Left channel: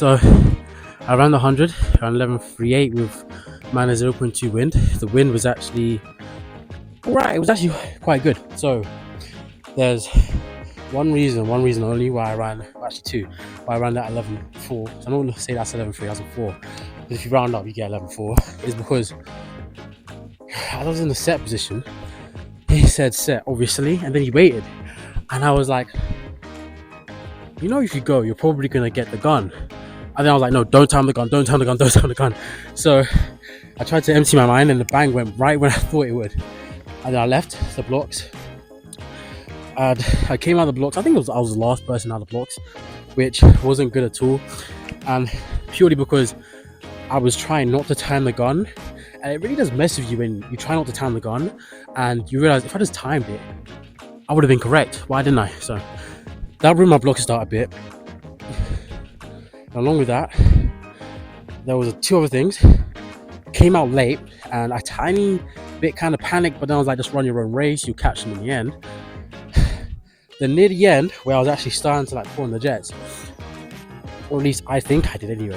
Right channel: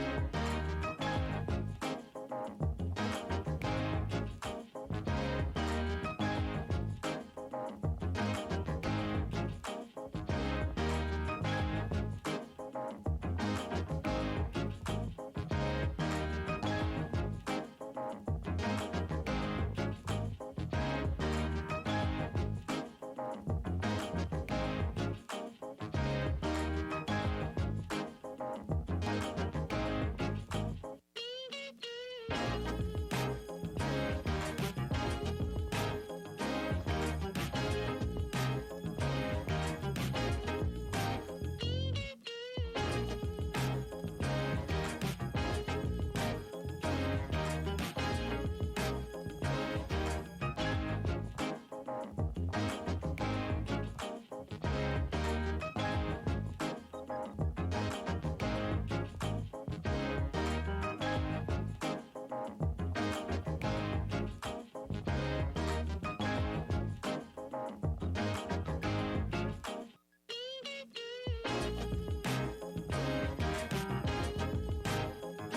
So I ran the 100, around 11:38 with minus 0.2 wind. The wind was actually alright, it was actually quite good. So there's one reason only why I ran, actually two, why I ran that 11.4. So I don't want to say that's 11.3, that's a 4. But if you round up, you get 11.4. Is because I was in the set position. He said set, obviously, and then he waited. And I was like, you know, if you go, you're probably going to get the gun. And then I was like, no, don't time the gun, don't time the gun, don't time the gun. So I tried to empty my mind and the bang went right when I thought it would. And then I left the blocks. And I came out of the blocks. I think I was the last person out of the blocks, which wasn't good at all. And purely because I was trying not to time the gun. And it really does mess with you when you try not to time the gun and you realize if I just timed it, I would have been correct. Why didn't I? So that ruined my block start a bit. And along with that, there was two other things. Came out late and a tiny bit kind of panicked, but then I was like, just run your own race, you catch them in the end. Then near the end, where I was actually starting to like pull on the jets, or at least I think I did anyway,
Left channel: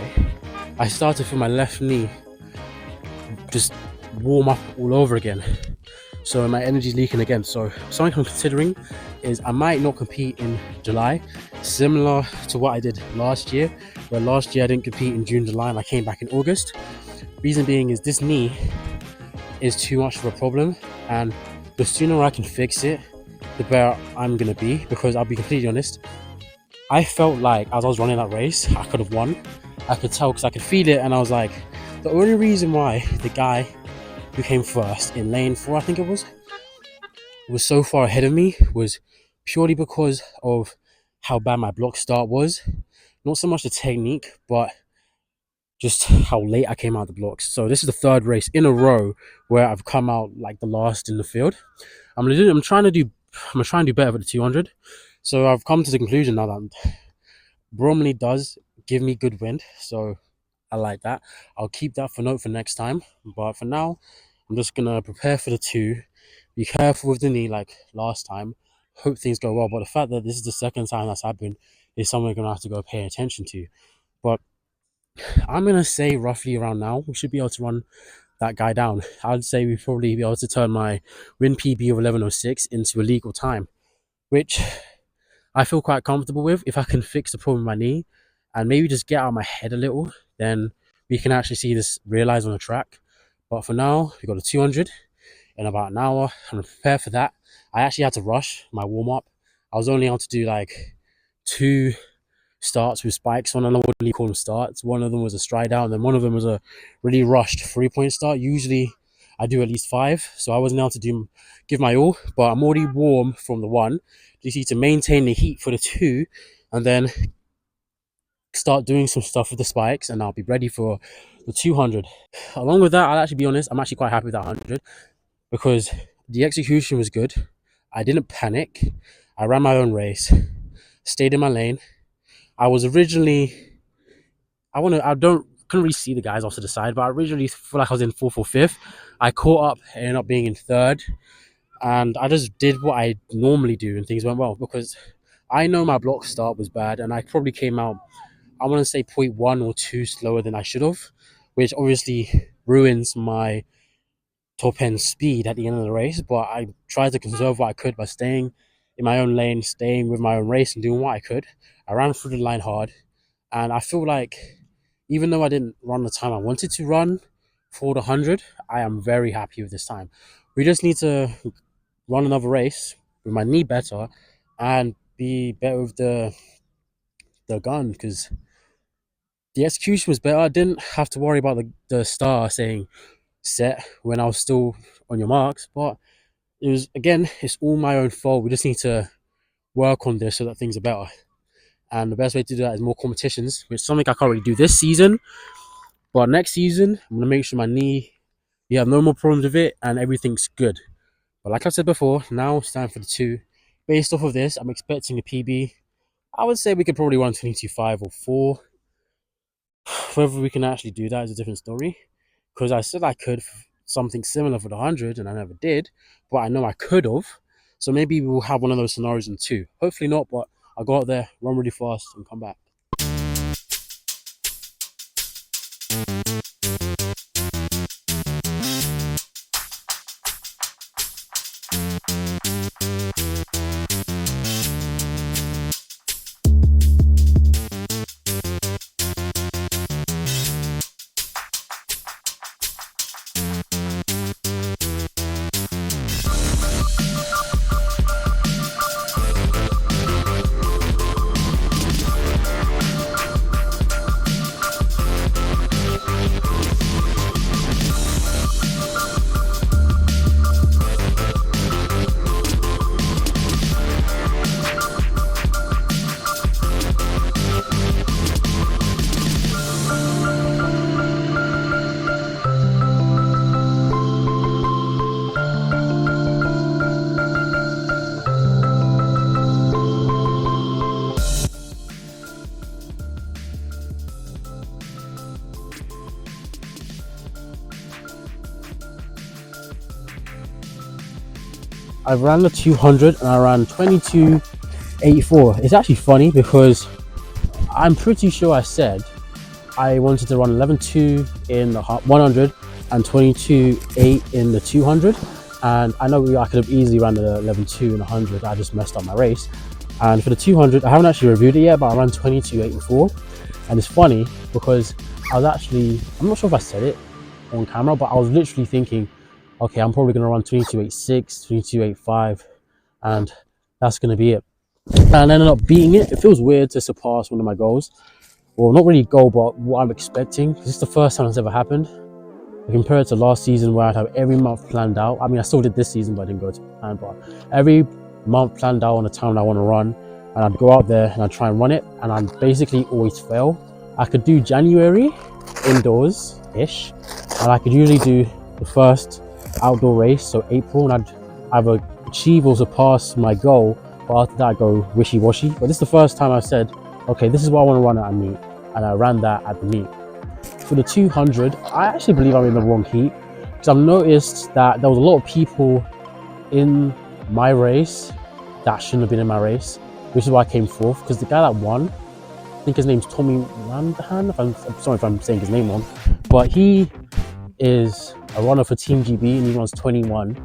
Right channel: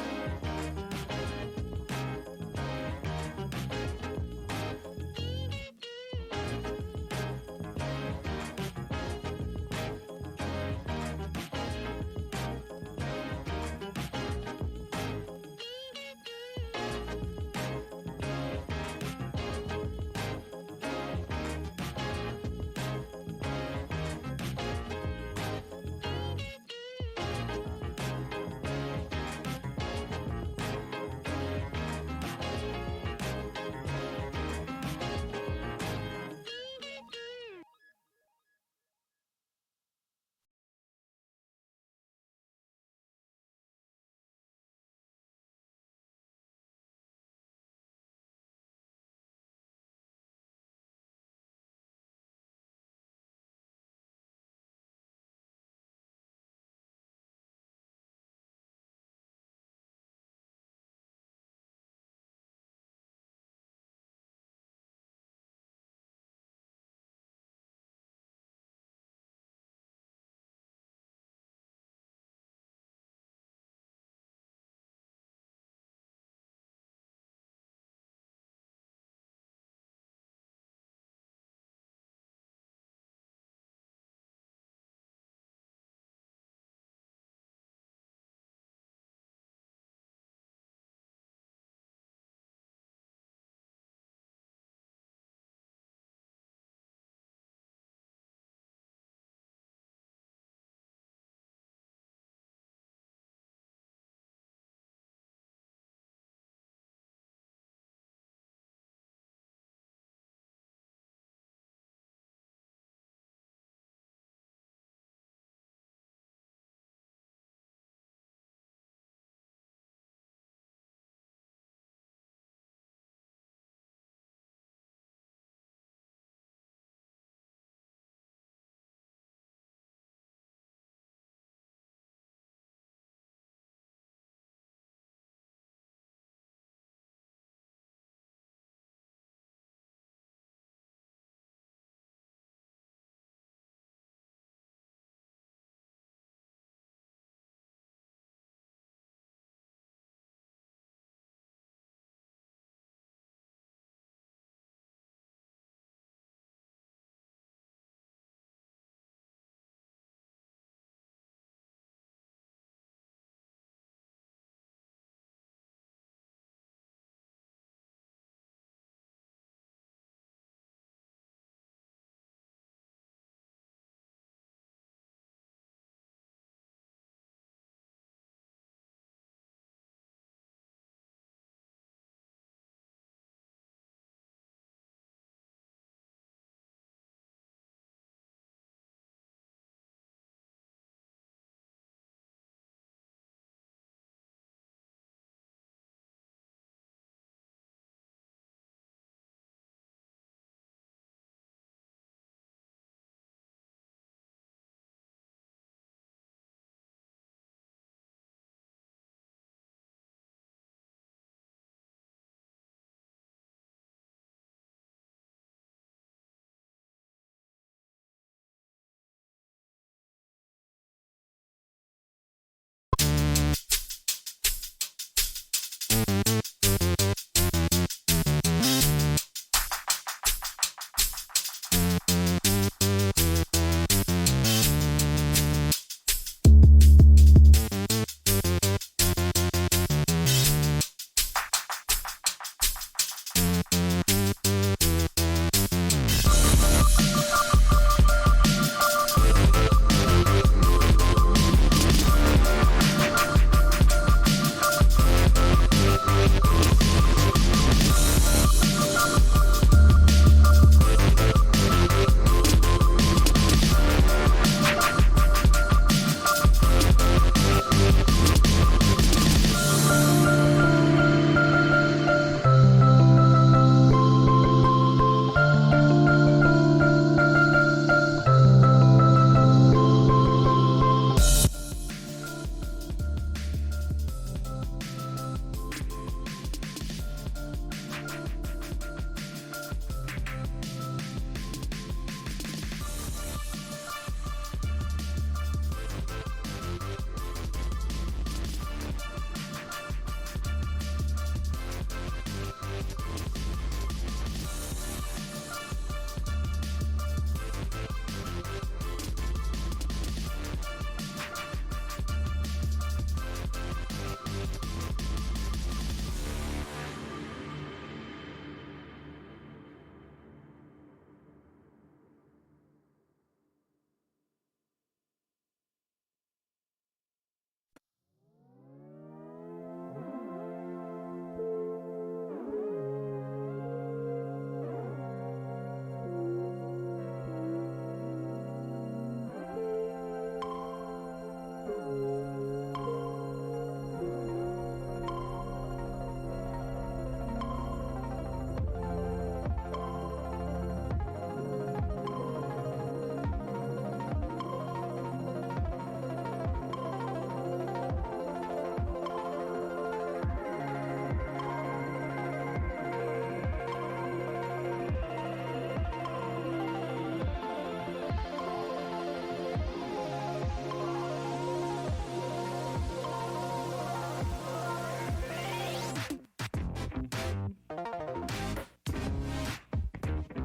I started from my left knee, just warm up all over again. So my energy's leaking again. So something I'm considering is I might not compete in July, similar to what I did last year, where last year I didn't compete in June, July, and I came back in August. Reason being is this knee is too much of a problem, and the sooner I can fix it, the better I'm gonna be. Because I'll be completely honest, I felt like as I was running that race, I could have won. I could tell because I could feel it, and I was like, the only reason why the guy who came first in lane 4, I think it was so far ahead of me was purely because of how bad my block start was. Not so much the technique, but just how late I came out of the blocks. So this is the third race in a row where I've come out like the last in the field. I'm trying to do better for the 200. So I've come to the conclusion now that Bromley does give me good wind. So I like that. I'll keep that for note for next time. But for now, I'm just gonna prepare for the 2. Be careful with the knee like last time. Hope things go well. But the fact that this is the second time that's happened is something we're gonna have to go pay attention to. But I'm gonna say roughly around now we should be able to run that guy down. I'd say we probably be able to turn my win PB of 11:06 into a legal time, which I feel quite comfortable with. If I can fix the problem with my knee and maybe just get out of my head a little, then we can actually see this realize on the track. But for now, we got a 200 in about an hour. I'm gonna prepare for that. I actually had to rush my warm up. I was only able to do like 2 starts with spikes. One, I wouldn't really call them starts. One of them was a stride out, and then one of them was a really rushed 3-point start. Usually I do at least 5, so I wasn't able to give my all, but I'm already warm from the 1. Just need to maintain the heat for the 2 and then start doing some stuff with the spikes, and I'll be ready for the 200. Along with that, I'll actually be honest, I'm actually quite happy with that 100 because the execution was good. I didn't panic. I ran my own race, stayed in my lane. I was originally, couldn't really see the guys off to the side, but I originally feel like I was in 4th or 5th. I caught up, ended up being in 3rd, and I just did what I normally do, and things went well because I know my block start was bad, and I probably came out, I want to say 0.1 or 2 slower than I should have, which obviously ruins my top end speed at the end of the race. But I tried to conserve what I could by staying in my own lane, staying with my own race, and doing what I could. I ran through the line hard, and I feel like even though I didn't run the time I wanted to run for the 100, I am very happy with this time. We just need to run another race with my knee better and be better with the gun because the execution was better. I didn't have to worry about the star saying set when I was still on your marks, but it was, again, it's all my own fault. We just need to work on this so that things are better. And the best way to do that is more competitions, which is something I can't really do this season. But next season, I'm going to make sure my knee, you have no more problems with it and everything's good. But like I said before, now it's time for the 2. Based off of this, I'm expecting a PB. I would say we could probably run 22.5 or 4. Whether we can actually do that is a different story. Because I said I could something similar for the 100 and I never did. But I know I could have. So maybe we'll have one of those scenarios in 2. Hopefully not, but I'll go out there, run really fast and come back. I ran the 200 and I ran 22:84. It's actually funny because I'm pretty sure I said I wanted to run 11:2 in the 100 and 22:8 in the 200. And I know I could have easily ran the 11:2 in the 100. I just messed up my race. And for the 200, I haven't actually reviewed it yet, but I ran 22:84. And it's funny because I'm not sure if I said it on camera, but I was literally thinking, okay, I'm probably going to run 22:86, 22:85, and that's going to be it. And I ended up beating it. It feels weird to surpass one of my goals. Well, not really a goal, but what I'm expecting. This is the first time it's ever happened. Compared to last season where I'd have every month planned out. I mean, I still did this season, but I didn't go to plan. But every month planned out on the time I want to run, and I'd go out there and I'd try and run it, and I'd basically always fail. I could do January indoors-ish, and I could usually do the first outdoor race, so April, and I'd either achieve or surpass my goal, but after that I go wishy-washy. But this is the first time I've said, okay, this is what I want to run at a meet, and I ran that at the meet. For the 200, I actually believe I'm in the wrong heat, because I've noticed that there was a lot of people in my race that shouldn't have been in my race, which is why I came fourth, because the guy that won, I think his name's Tommy Landahan, I'm sorry if I'm saying his name wrong, but he is a runner for Team GB and he runs 21.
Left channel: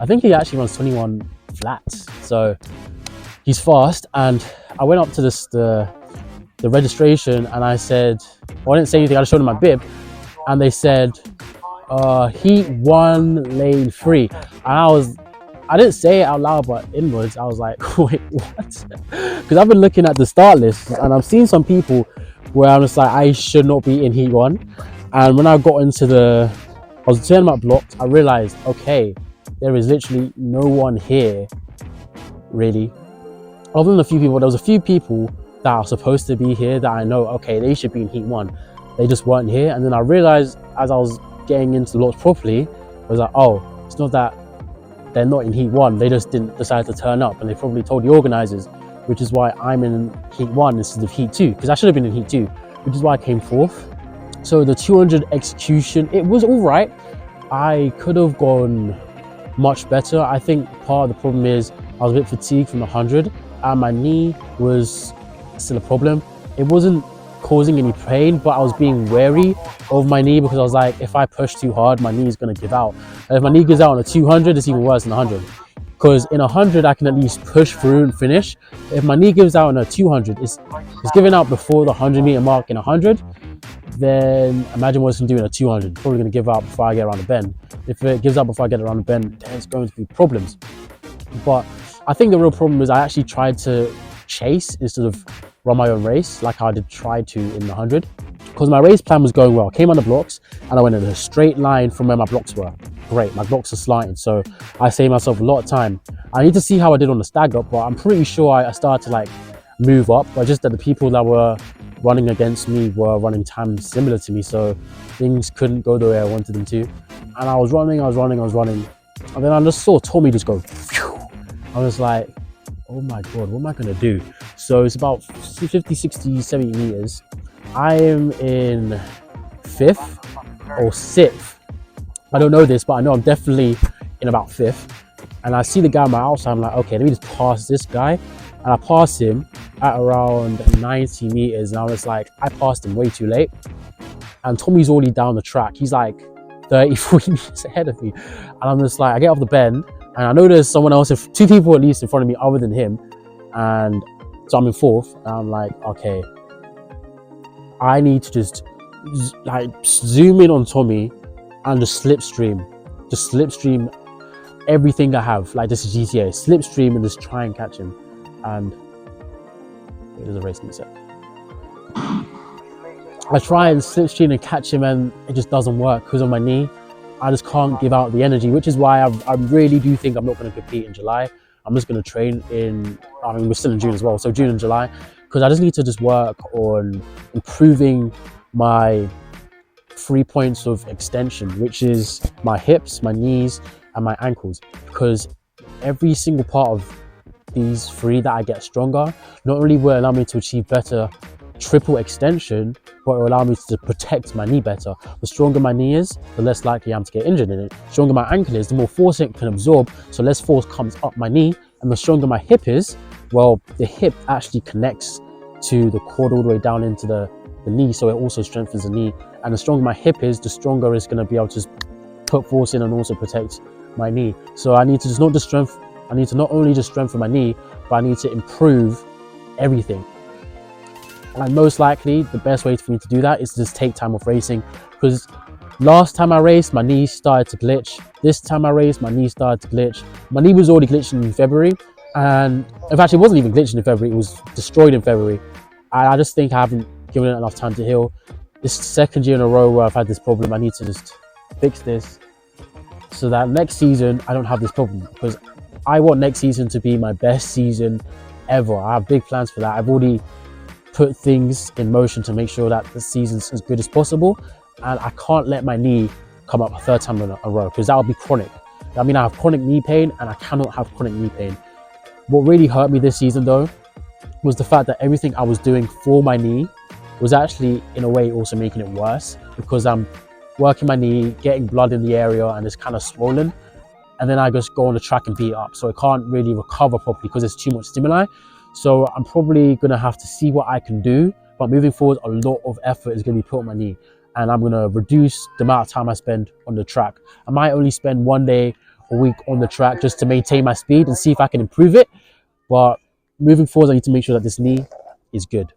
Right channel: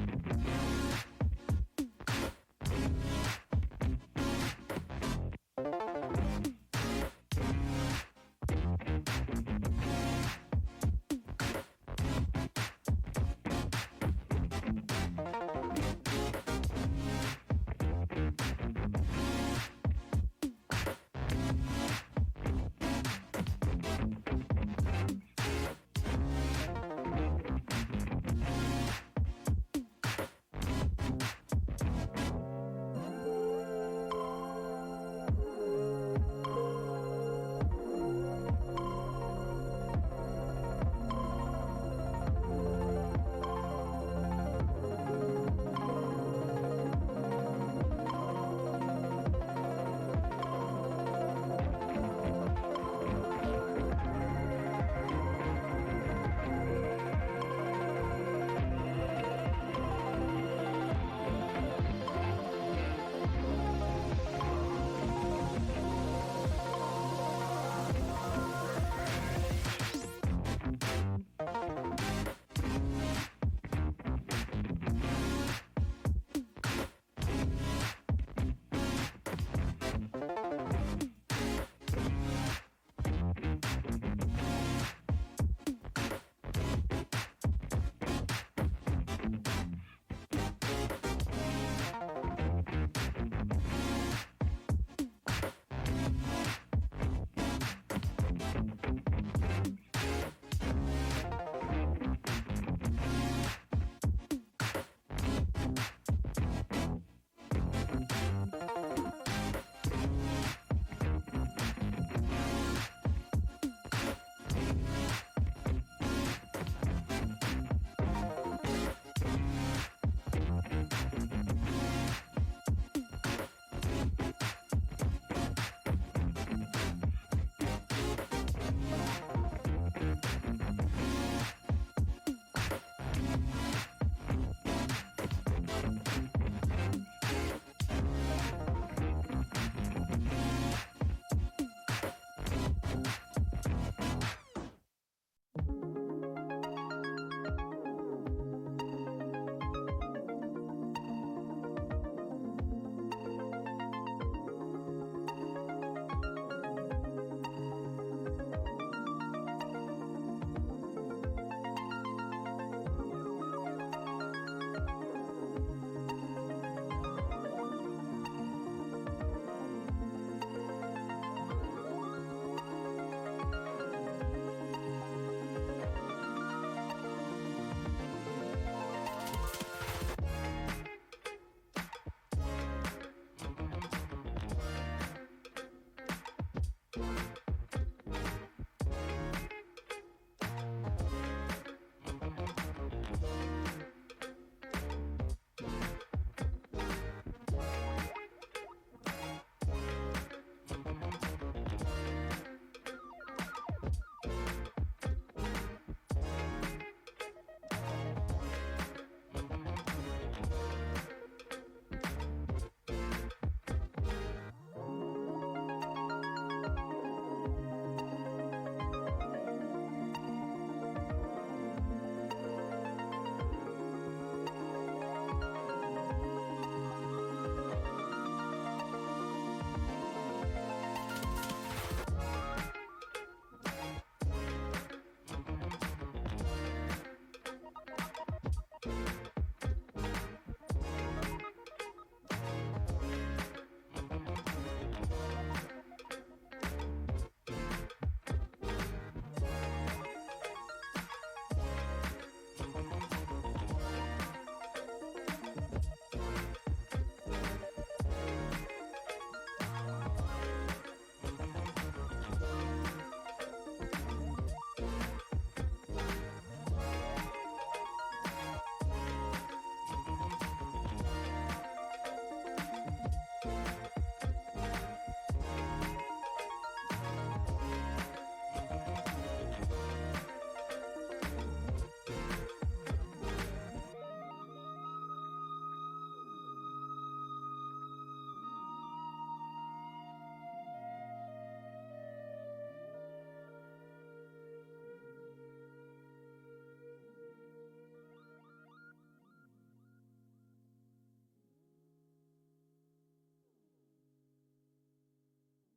I think he actually runs 21 flats, so he's fast. And I went up to the registration and I said, well, I didn't say anything, I just showed them my bib, and they said, heat 1 lane 3. And I didn't say it out loud, but inwards I was like, wait, what? Because I've been looking at the start list and I've seen some people where I'm just like, I should not be in heat 1. And when I got into I was turning my blocks, I realized, okay, there is literally no one here, really. Other than a few people, there was a few people that are supposed to be here that I know, okay, they should be in heat 1. They just weren't here. And then I realized as I was getting into the blocks properly, I was like, oh, it's not that they're not in heat 1, they just didn't decide to turn up, and they probably told the organizers, which is why I'm in heat 1 instead of heat 2, because I should have been in heat 2, which is why I came fourth. So the 200 execution, it was all right. I could have gone much better. I think part of the problem is I was a bit fatigued from the 100, and my knee was still a problem. It wasn't causing any pain, but I was being wary of my knee because I was like, if I push too hard, my knee is going to give out. And if my knee gives out on a 200, it's even worse than 100. Because in 100, I can at least push through and finish. If my knee gives out on a 200, it's giving out before the 100-meter mark in 100, then imagine what it's going to do in a 200. It's probably going to give out before I get around the bend. If it gives out before I get around the bend, there's going to be problems. But I think the real problem is I actually tried to chase instead of run my own race like I did try to in the 100, because my race plan was going well. I came on the blocks and I went in a straight line from where my blocks were. Great, my blocks are slanted, so I saved myself a lot of time. I need to see how I did on the stag up, but I'm pretty sure I started to like move up, but just that the people that were running against me were running times similar to me, so things couldn't go the way I wanted them to. And I was running, and then I just saw Tommy just go phew. I was like, oh my god, what am I gonna do? So it's about 50, 60, 70 meters. I am in 5th or 6th. I don't know this, but I know I'm definitely in about 5th. And I see the guy on my outside, I'm like, okay, let me just pass this guy. And I pass him at around 90 meters. And I was like, I passed him way too late. And Tommy's already down the track. He's like 30, 40 meters ahead of me. And I'm just like, I get off the bend and I know there's someone else, 2 people at least in front of me other than him. And so I'm in 4th. And I'm like, okay, I need to just like zoom in on Tommy and just slipstream everything I have. Like, this is GTA, slipstream and just try and catch him. And it was a race set. I try and slipstream and catch him and it just doesn't work because of my knee. I just can't give out the energy, which is why I really do think I'm not going to compete in July. I'm just going to train we're still in June as well, so June and July, because I just need to just work on improving my 3 points of extension, which is my hips, my knees, and my ankles, because every single part of these 3 that I get stronger, not only will allow me to achieve better triple extension, but it will allow me to protect my knee better. The stronger my knee is, the less likely I am to get injured in it. The stronger my ankle is, the more force it can absorb, so less force comes up my knee. And the stronger my hip is, well, the hip actually connects to the cord all the way down into the knee, so it also strengthens the knee. And the stronger my hip is, the stronger it's going to be able to put force in and also protect my knee. So I need to not only just strengthen my knee, but I need to improve everything. And most likely the best way for me to do that is to just take time off racing, because last time I raced, my knee started to glitch. This time I raced, my knee started to glitch. My knee was already glitching in February, and in fact it wasn't even glitching in February, it was destroyed in February. I just think I haven't given it enough time to heal. This is the second year in a row where I've had this problem. I need to just fix this so that next season I don't have this problem, because I want next season to be my best season ever. I have big plans for that. I've already put things in motion to make sure that the season's as good as possible, and I can't let my knee come up a third time in a row, because that would be chronic. I mean, I have chronic knee pain, and I cannot have chronic knee pain. What really hurt me this season though was the fact that everything I was doing for my knee was actually in a way also making it worse, because I'm working my knee, getting blood in the area, and it's kind of swollen, and then I just go on the track and beat it up, so it can't really recover properly because there's too much stimuli. So I'm probably going to have to see what I can do, but moving forward, a lot of effort is going to be put on my knee, and I'm going to reduce the amount of time I spend on the track. I might only spend 1 day a week on the track just to maintain my speed and see if I can improve it, but moving forward, I need to make sure that this knee is good.